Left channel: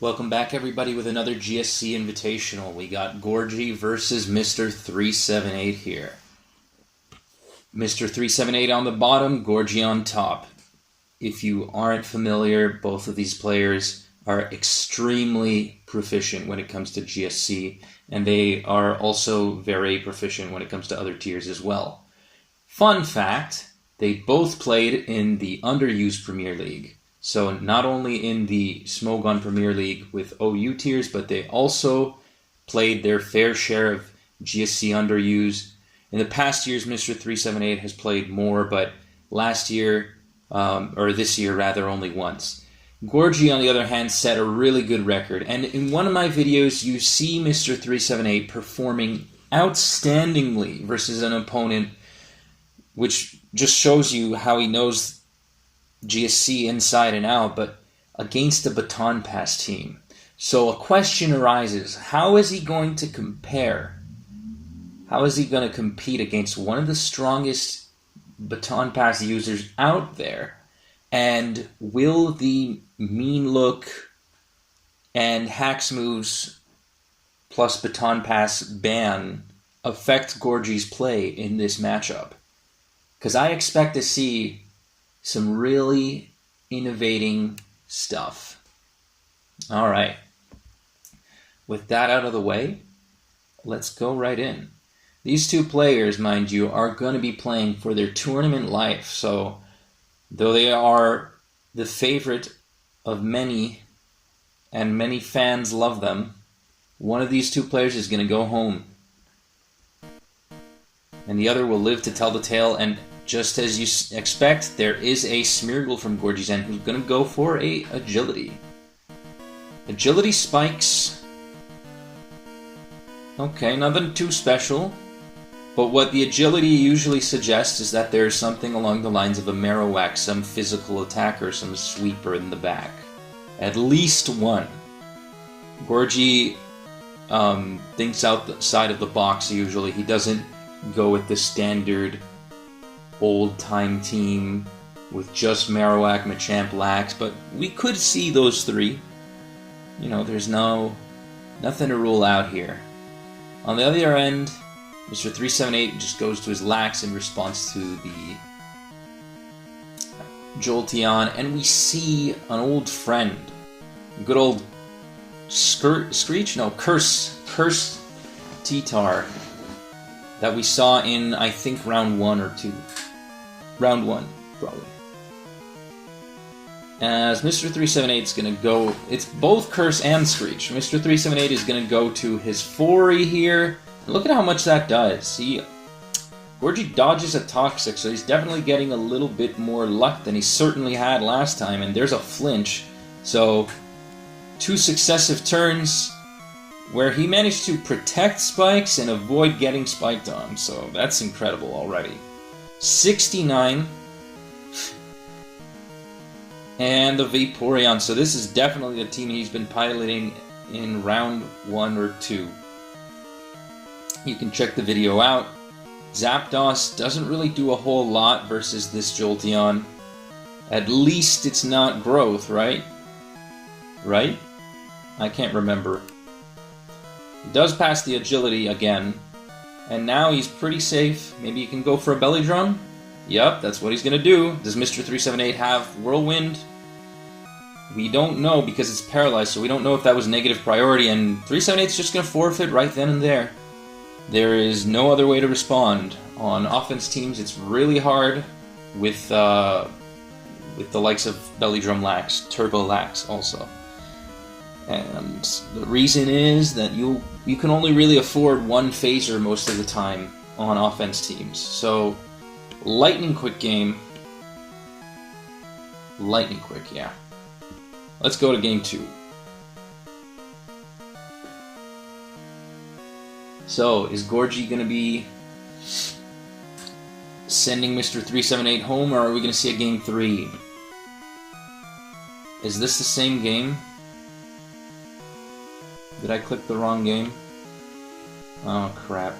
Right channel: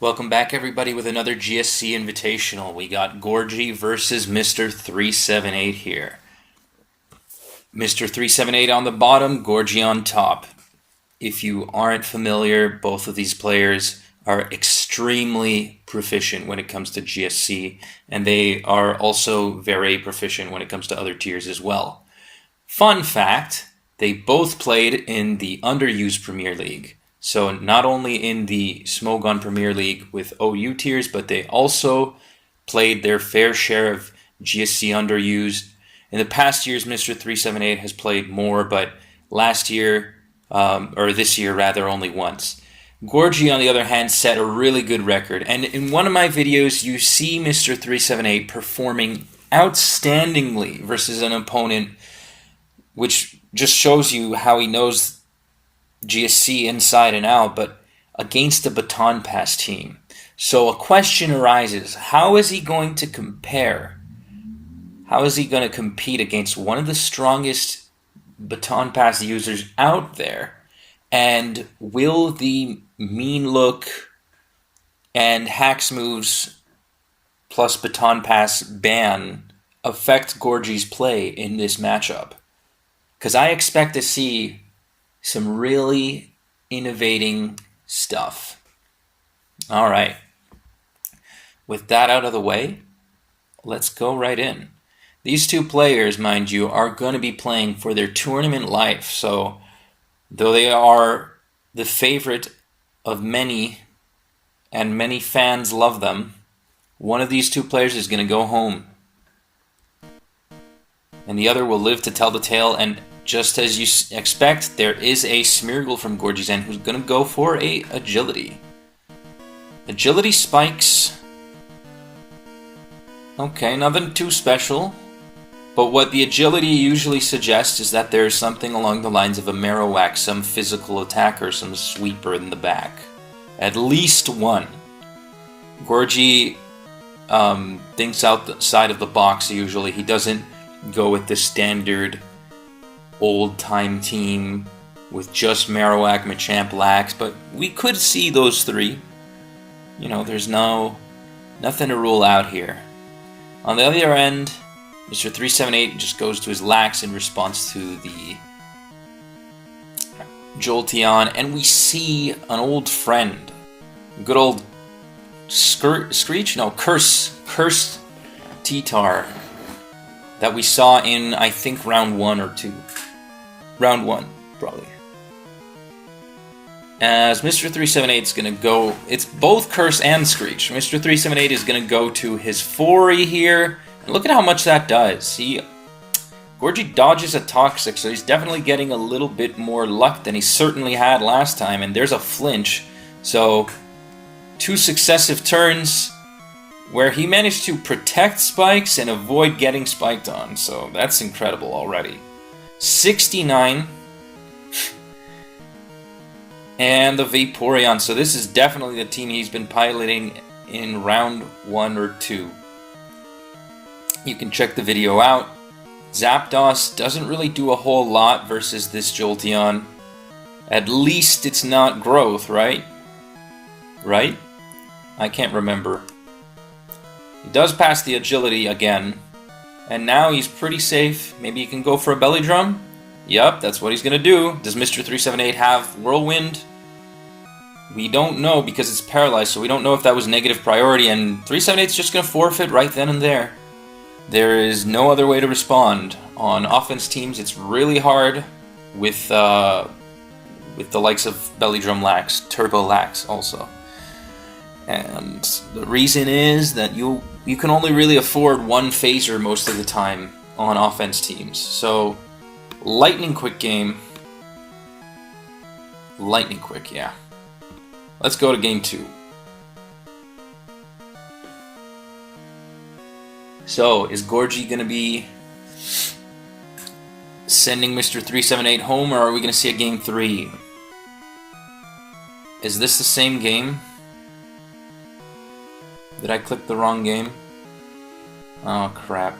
Welcome back, everybody, with another GSC Invitational. We got Gorgie versus Mr.378 here. Mr.378 on the bottom, Gorgie on top. If you aren't familiar, both of these players are extremely proficient when it comes to GSC, and they are also very proficient when it comes to other tiers as well. Fun fact, they both played in the underused Premier League. So not only in the Smogon Premier League with OU tiers, but they also played their fair share of GSC underused. In the past years, Mr.378 has played more, but last year, or this year rather, only once. Gorgie, on the other hand, set a really good record. And in one of my videos, you see Mr.378 performing outstandingly versus an opponent, which just shows you how he knows GSC inside and out, but against a baton pass team. So a question arises, how is he going to compare? How is he going to compete against one of the strongest baton pass users out there? And will the mean look and hacks moves plus baton pass ban affect Gorgie's play in this matchup? Because I expect to see some really innovating stuff. All right. With that out of the way, let's go right in. These two players, mind you, are going to be playing for their tournament life. So, though they are the favorite of many, and many fans love them, one of these two players is going to go home. And the other will live to tell the tale, and just as you expect, there is a Smeargle from Gorgie's end who's going to go for a agility. Agility spikes. Okay, nothing too special. But what the agility usually suggests is that there's something along the lines of a Marowak, some physical attacker, some sweeper in the back. At least one. Gorgie thinks outside of the box usually. He doesn't go with the standard old-time team with just Marowak, Machamp, Lax, but we could see those three. You know, there's nothing to rule out here. On the other end, Mr.378 just goes to his Lax in response to the Jolteon, and we see an old friend. Good old Screech? No, Curse T-Tar that we saw in, I think, round 1 or 2. Round 1, probably. As Mr.378 is going to go, it's both Curse and Screech. Mr.378 is going to go to his Fori here. Look at how much that does. Gorgie dodges a Toxic, so he's definitely getting a little bit more luck than he certainly had last time, and there's a flinch. So, 2 successive turns where he managed to protect spikes and avoid getting spiked on, so that's incredible already. 69. And the Vaporeon, so this is definitely the team he's been piloting in round 1 or 2. You can check the video out. Zapdos doesn't really do a whole lot versus this Jolteon. At least it's not growth, right? Right? I can't remember. He does pass the agility again. And now he's pretty safe. Maybe he can go for a belly drum? Yup, that's what he's gonna do. Does Mr.378 have Whirlwind? We don't know because it's paralyzed, so we don't know if that was negative priority, and 378's just gonna forfeit right then and there. There is no other way to respond. On offense teams, it's really hard with the likes of Belly Drum Lax, Turbo Lax also. And the reason is that you can only really afford one phaser most of the time on offense teams. So, lightning quick game. Lightning quick, yeah. Let's go to game 2. So, is Gorgie going to be sending Mr.378 home, or are we going to see a game 3? Is this the same game? Did I click the wrong game? Oh, crap.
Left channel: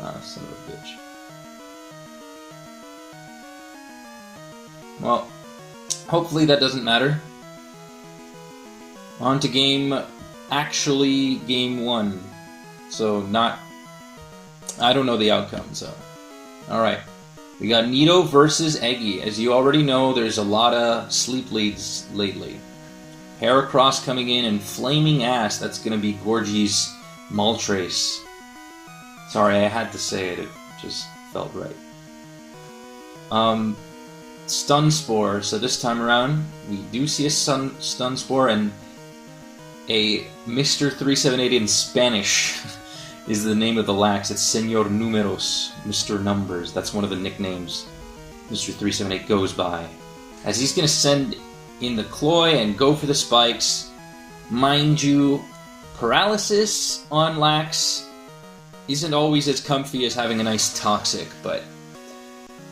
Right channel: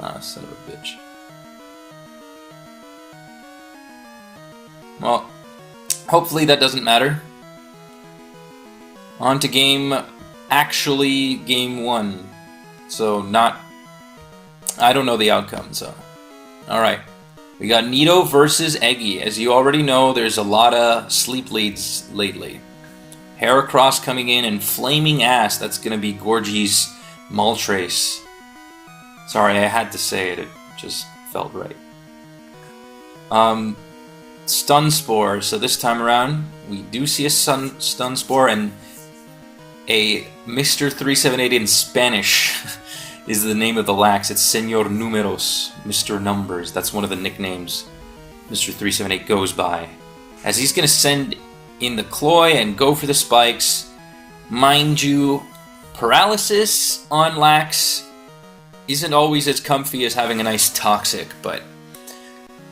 Ah, son of a bitch. Well, Hopefully that doesn't matter. On to game 1. So I don't know the outcome, so. Alright. We got Nito versus Eggy. As you already know, there's a lot of sleep leads lately. Heracross coming in and Flaming Ass. That's going to be Gorgie's Moltres. Sorry, I had to say it. It just felt right. Stun Spore. So this time around, we do see a Stun Spore, and a Mr.378 in Spanish is the name of the Lax. It's Señor Números, Mr. Numbers. That's one of the nicknames Mr.378 goes by. As he's going to send in the Cloy and go for the spikes. Mind you, Paralysis on Lax isn't always as comfy as having a nice Toxic, but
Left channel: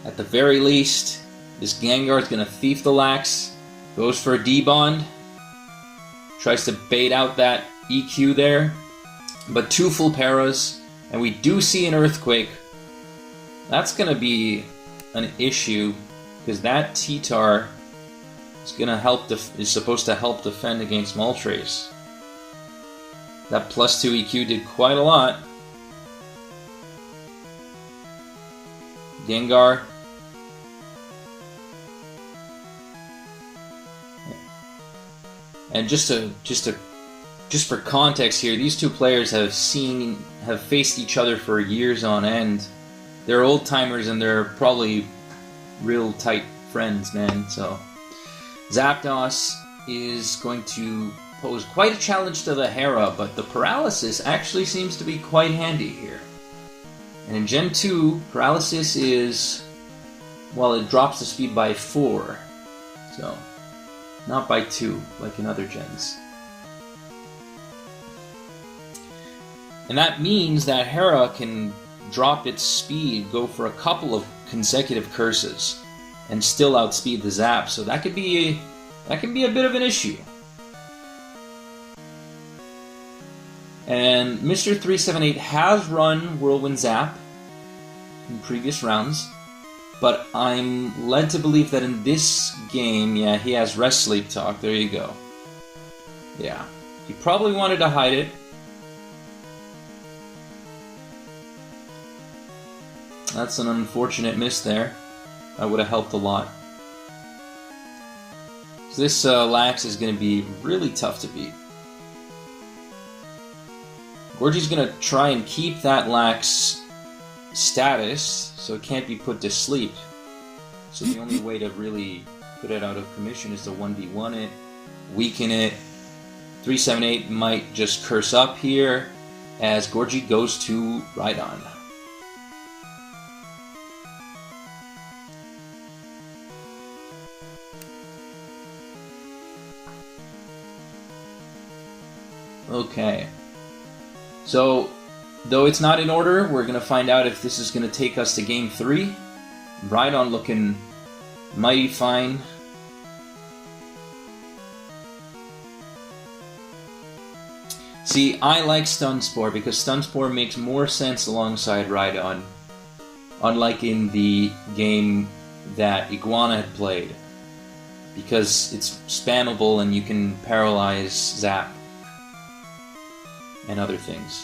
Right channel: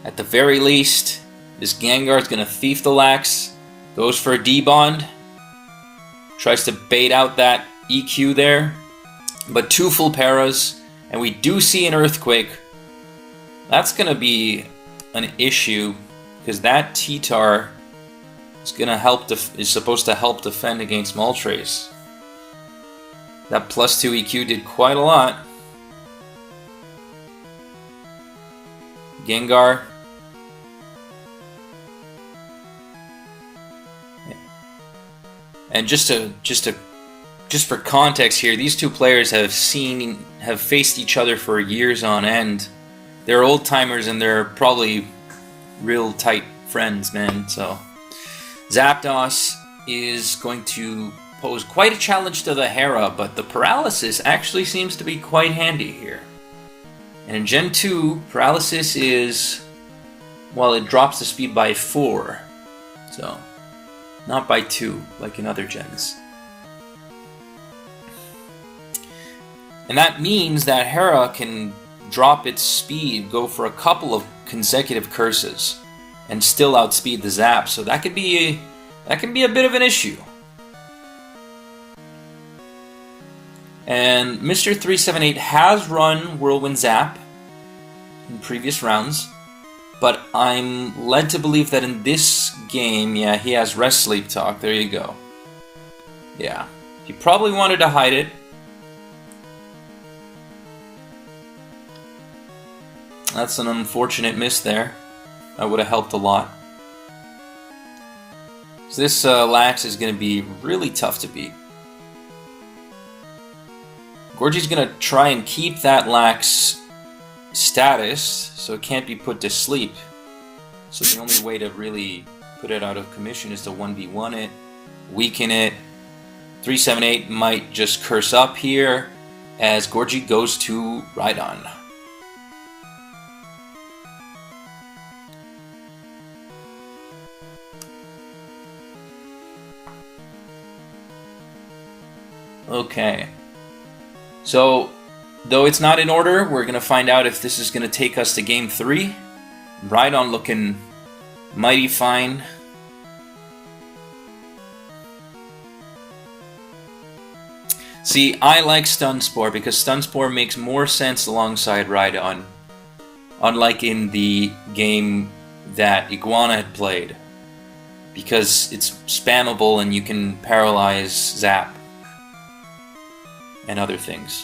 at the very least, this Gengar's going to thief the Lax, goes for a D-Bond, tries to bait out that EQ there, but 2 full Paras, and we do see an Earthquake. That's going to be an issue, because that T-Tar is supposed to help defend against Moltres. That +2 EQ did quite a lot. Gengar. And just for context here, these two players have faced each other for years on end. They're old timers and they're probably real tight friends, man. So Zapdos is going to pose quite a challenge to the Hera, but the Paralysis actually seems to be quite handy here. And in Gen 2, Paralysis is, well, it drops the speed by 4. So, not by 2, like in other gens. And that means that Hera can drop its speed, go for a couple of consecutive curses, and still outspeed the Zap. So that can be a bit of an issue. And Mr.378 has run Whirlwind Zap in previous rounds, but I'm led to believe that in this game, yeah, he has Rest Sleep Talk. There you go. Yeah, he probably wanted to hide it. That's an unfortunate miss there. That would have helped a lot. So this Lax is going to be really tough to beat. Gorgie's going to try and keep that Lax status, so it can't be put to sleep. So the only way to really put it out of commission is to 1v1 it, weaken it. 378 might just curse up here as Gorgie goes to Rhydon. Okay. So, though it's not in order, we're going to find out if this is going to take us to Game 3. Rhydon looking mighty fine. See, I like Stun Spore because Stun Spore makes more sense alongside Rhydon, unlike in the game that Iguana had played, because it's spammable and you can paralyze Zap and other things.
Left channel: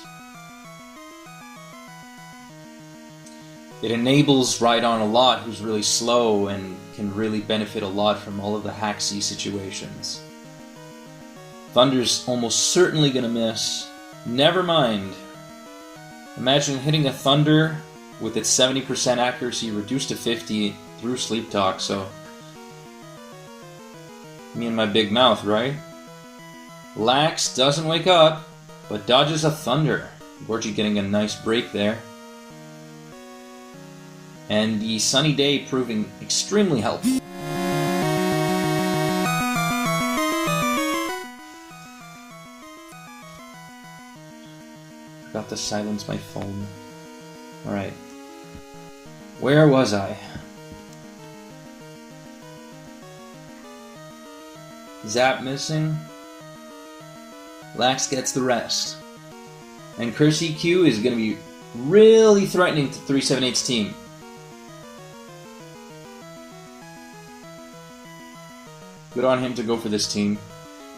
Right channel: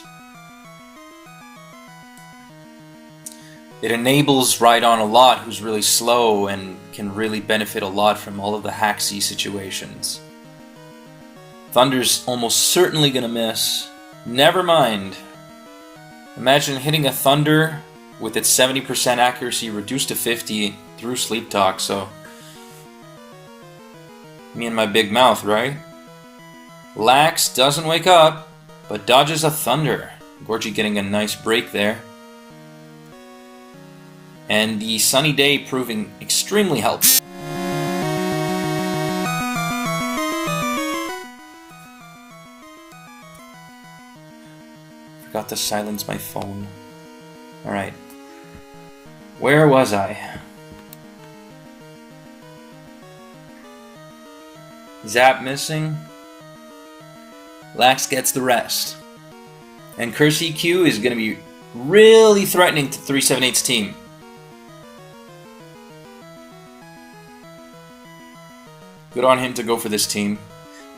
It enables Rhydon a lot, who's really slow and can really benefit a lot from all of the Haxie situations. Thunder's almost certainly gonna miss. Never mind. Imagine hitting a Thunder with its 70% accuracy reduced to 50 through Sleep Talk, so me and my big mouth, right? Lax doesn't wake up, but dodges a Thunder. Gorgie getting a nice break there. And the Sunny Day proving extremely helpful. Forgot to silence my phone. Alright. Where was I? Zap missing. Lax gets the rest. And Curse EQ is going to be really threatening to 378's team. Good on him to go for this team.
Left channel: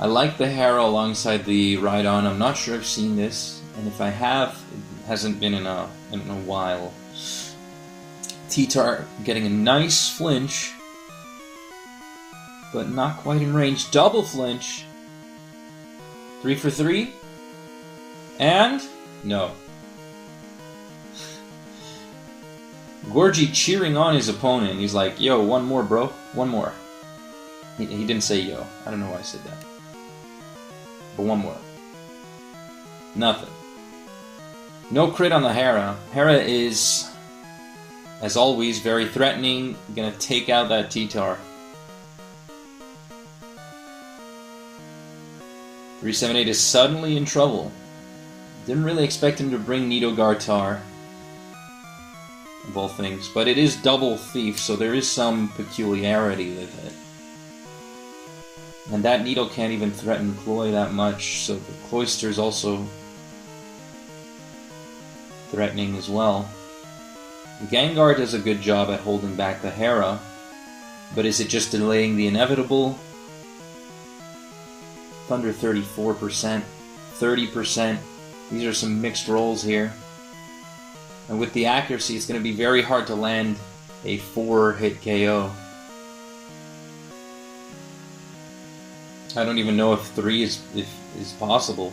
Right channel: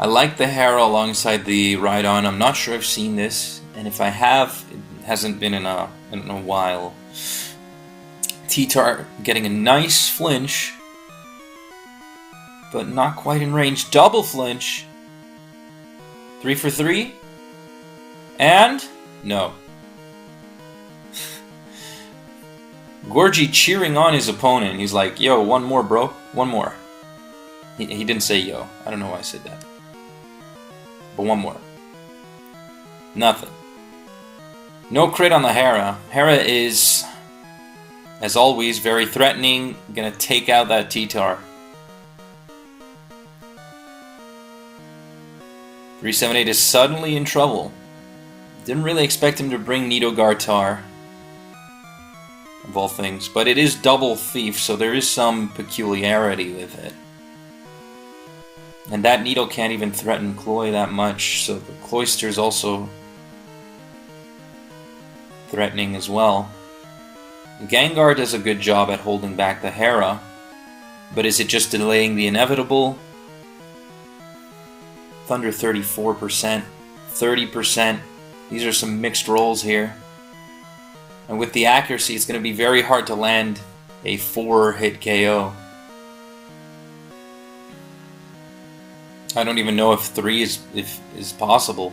I like the Hera alongside the Rhydon. I'm not sure I've seen this, and if I have, it hasn't been in a while. T-Tar getting a nice flinch, but not quite in range. Double flinch. 3 for 3. And no. Gorgie cheering on his opponent. He's like, yo, one more, bro. One more. He didn't say yo. I don't know why I said that. But one more. Nothing. No crit on the Hera. Hera is, as always, very threatening. Gonna take out that T-Tar. 378 is suddenly in trouble. Didn't really expect him to bring Nidhogard Tar, of all things, but it is double thief, so there is some peculiarity with it. And that Needle can't even threaten Cloy that much, so the Cloyster's also threatening as well. Gengar does a good job at holding back the Hera, but is it just delaying the inevitable? Thunder 34%, 30%. These are some mixed rolls here. And with the accuracy, it's going to be very hard to land a 4-hit KO. I don't even know if 3 is possible.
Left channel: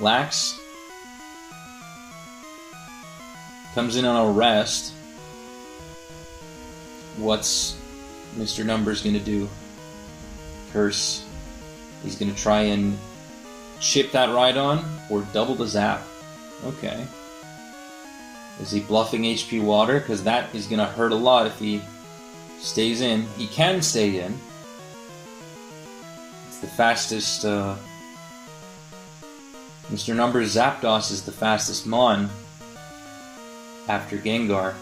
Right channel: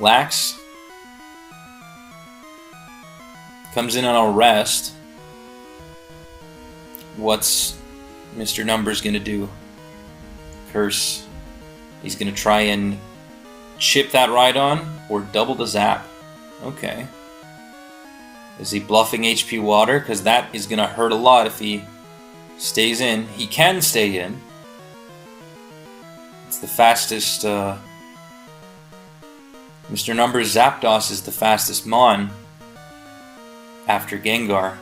Lax comes in on a rest. What's Mr. Numbers going to do? Curse. He's going to try and chip that Rhydon or double the zap. Okay. Is he bluffing HP Water? Because that is going to hurt a lot if he stays in. He can stay in. It's the fastest... Mr. Numbers Zapdos is the fastest Mon after Gengar.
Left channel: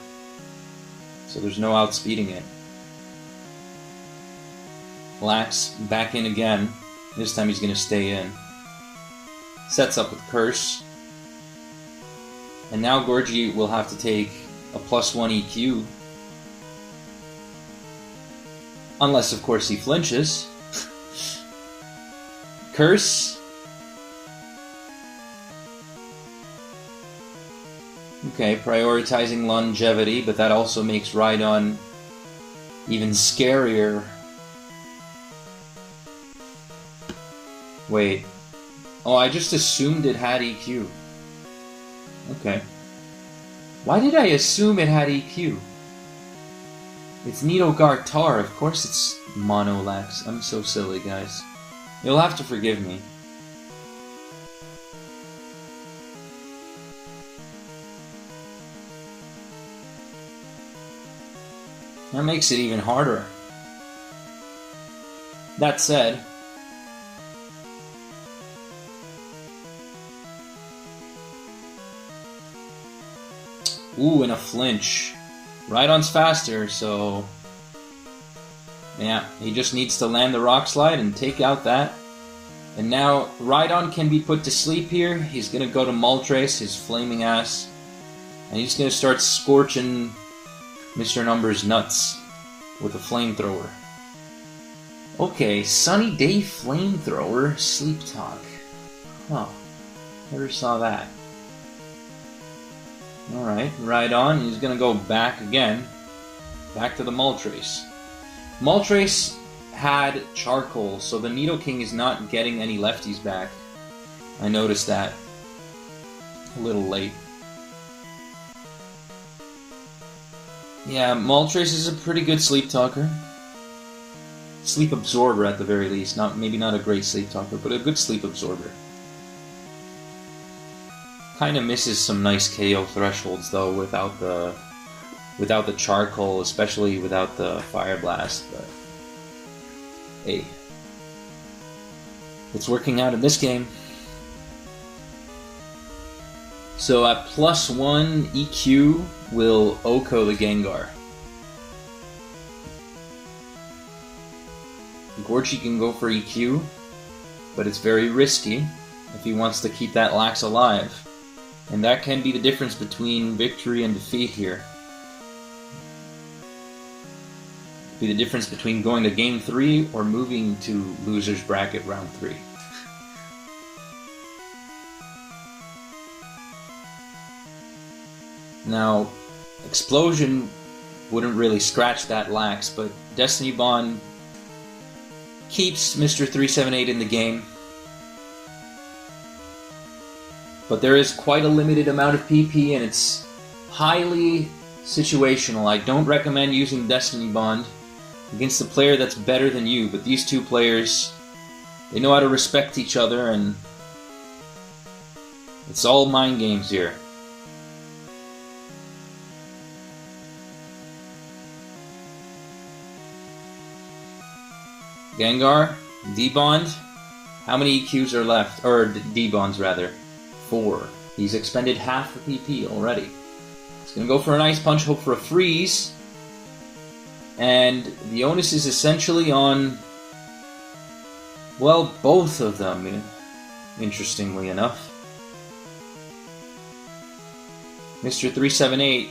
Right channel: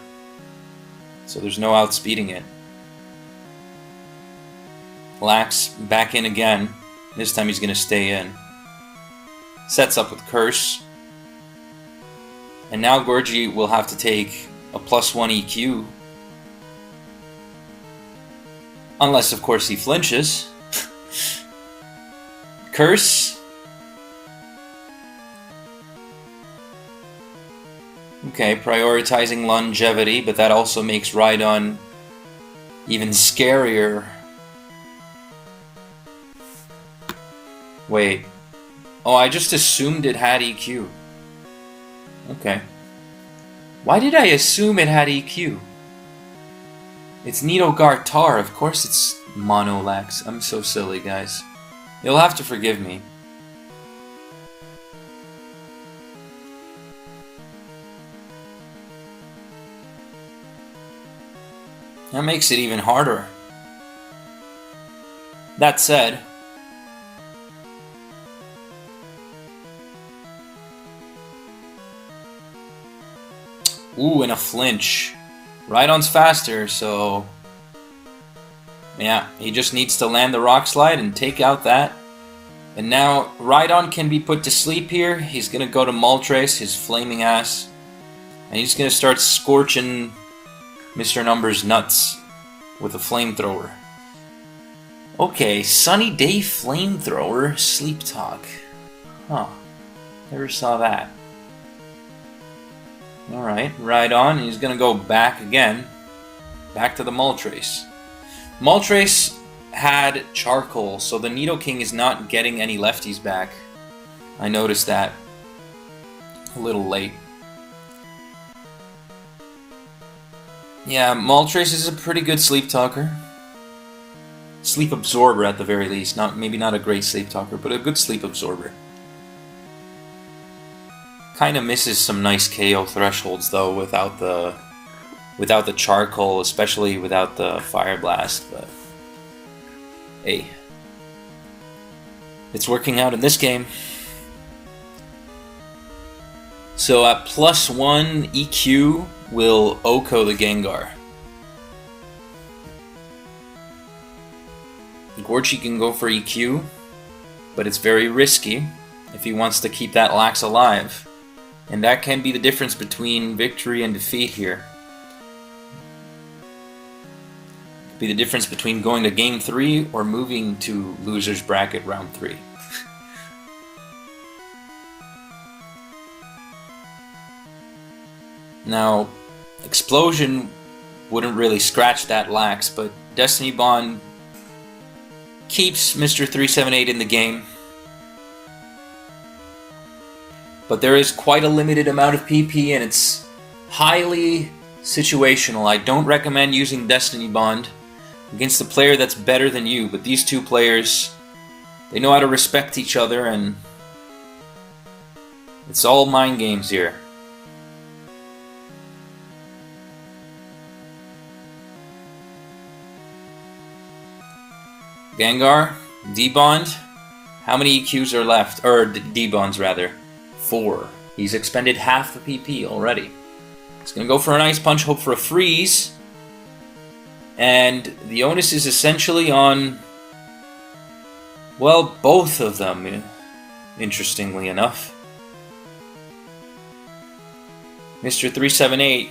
So there's no outspeeding it. Lax back in again. This time he's going to stay in. Sets up with Curse. And now Gorgie will have to take a +1 EQ. Unless, of course, he flinches. Curse. Okay, prioritizing longevity, but that also makes Rhydon even scarier. Wait. Oh, I just assumed it had EQ. Okay. Why did I assume it had EQ? It's Nidhogard Tar. Of course it's Mono Lax. I'm so silly, guys. You'll have to forgive me. That makes it even harder. That said... Ooh, and a flinch. Rhydon's faster, so... Yeah, he just needs to land the Rock Slide and take out that. And now, Rhydon can be put to sleep here. He's gonna go to Moltres, his flaming ass. And he's gonna start scorching Mr. Numbers' nuts with a flamethrower. Okay, Sunny Day Flamethrower, Sleep Talk. Huh, never saw that. Alright, Rhydon, he's gonna go back again. Back to the Moltres. Moltres had Charcoal, so the Nidoking is not getting any lefties back. I noticed that. A little late. Yeah, Moltres is a pretty good Sleep Talker. Sleep Absorber at the very least. Maybe not a great Sleep Talker, but a good Sleep Absorber. Kind of misses some nice KO thresholds though without the Charcoal, especially without the Fire Blast. But hey, it's working out in this game. So at +1 EQ will Oko the Gengar. Gorgie can go for EQ, but it's very risky if he wants to keep that Lax alive. And that can be the difference between victory and defeat here. Be the difference between going to Game 3 or moving to Loser's Bracket Round 3. Now, Explosion wouldn't really scratch that lax, but Destiny Bond keeps Mr.378 in the game. But there is quite a limited amount of PP, and it's highly situational. I don't recommend using Destiny Bond against a player that's better than you, but these two players, they know how to respect each other, and it's all mind games here. Gengar, D-Bond, how many EQs are left? Or D-Bonds, rather. 4. He's expended half the PP already. He's going to go for an Ice Punch, hope for a freeze. And the onus is essentially on, well, both of them, interestingly enough. Mr.378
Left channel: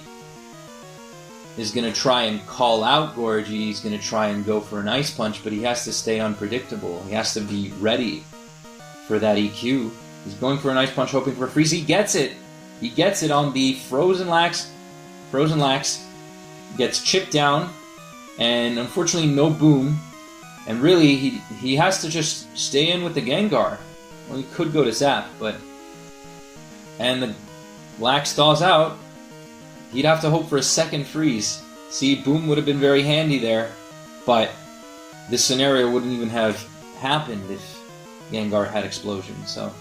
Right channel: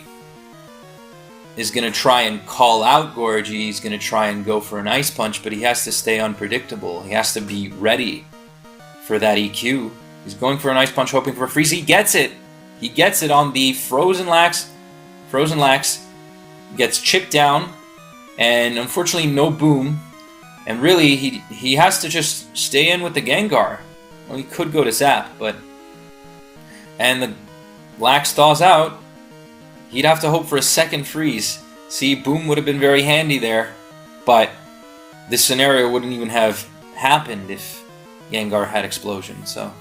is going to try and call out Gorgie. He's going to try and go for an Ice Punch, but he has to stay unpredictable. He has to be ready for that EQ. He's going for an Ice Punch, hoping for a freeze. He gets it! He gets it on the Frozen Lax. Frozen Lax gets chipped down, and unfortunately no boom. And really, he has to just stay in with the Gengar. Well, he could go to Zap, but... And the Lax thaws out. He'd have to hope for a second freeze. See, boom would have been very handy there, but this scenario wouldn't even have happened if Gengar had Explosion, so...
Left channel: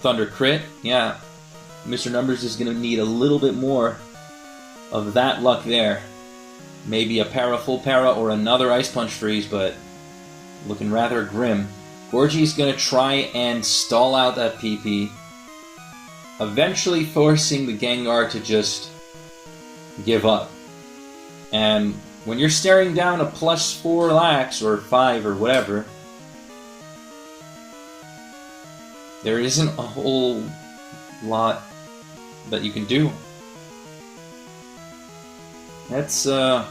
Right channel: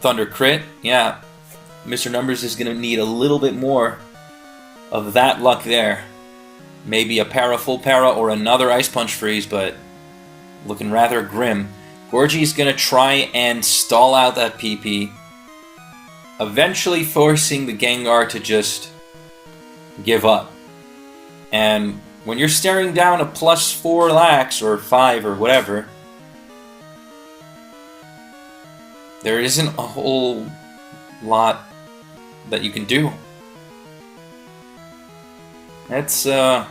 Thunder crit, yeah. Mr. Numbers is going to need a little bit more of that luck there. Maybe a para, full para, or another Ice Punch freeze, but looking rather grim. Gorgie's going to try and stall out that PP, eventually forcing the Gengar to just give up. And when you're staring down a +4 lax, or 5, or whatever, there isn't a whole lot that you can do. That's, I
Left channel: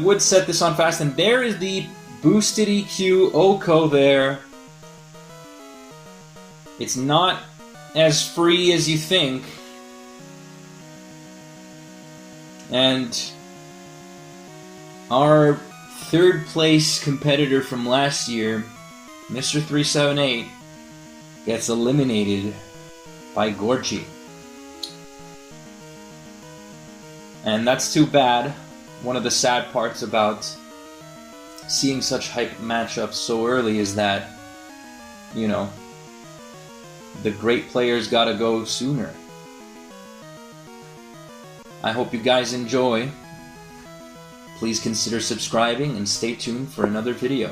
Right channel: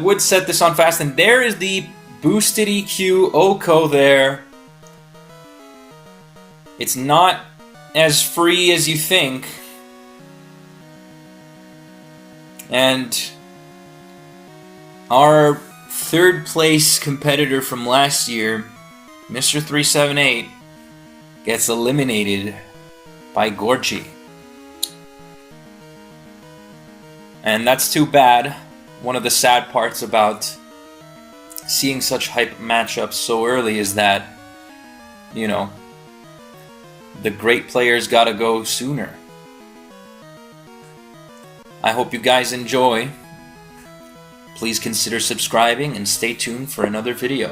would set this on fast, and there is the boosted EQ Oko there. It's not as free as you think. And our third place competitor from last year, Mr.378, gets eliminated by Gorgie. And that's too bad. One of the sad parts about seeing such hype matchups so early is that, you know, the great players gotta go sooner. I hope you guys enjoy. Please consider subscribing and stay tuned for another video.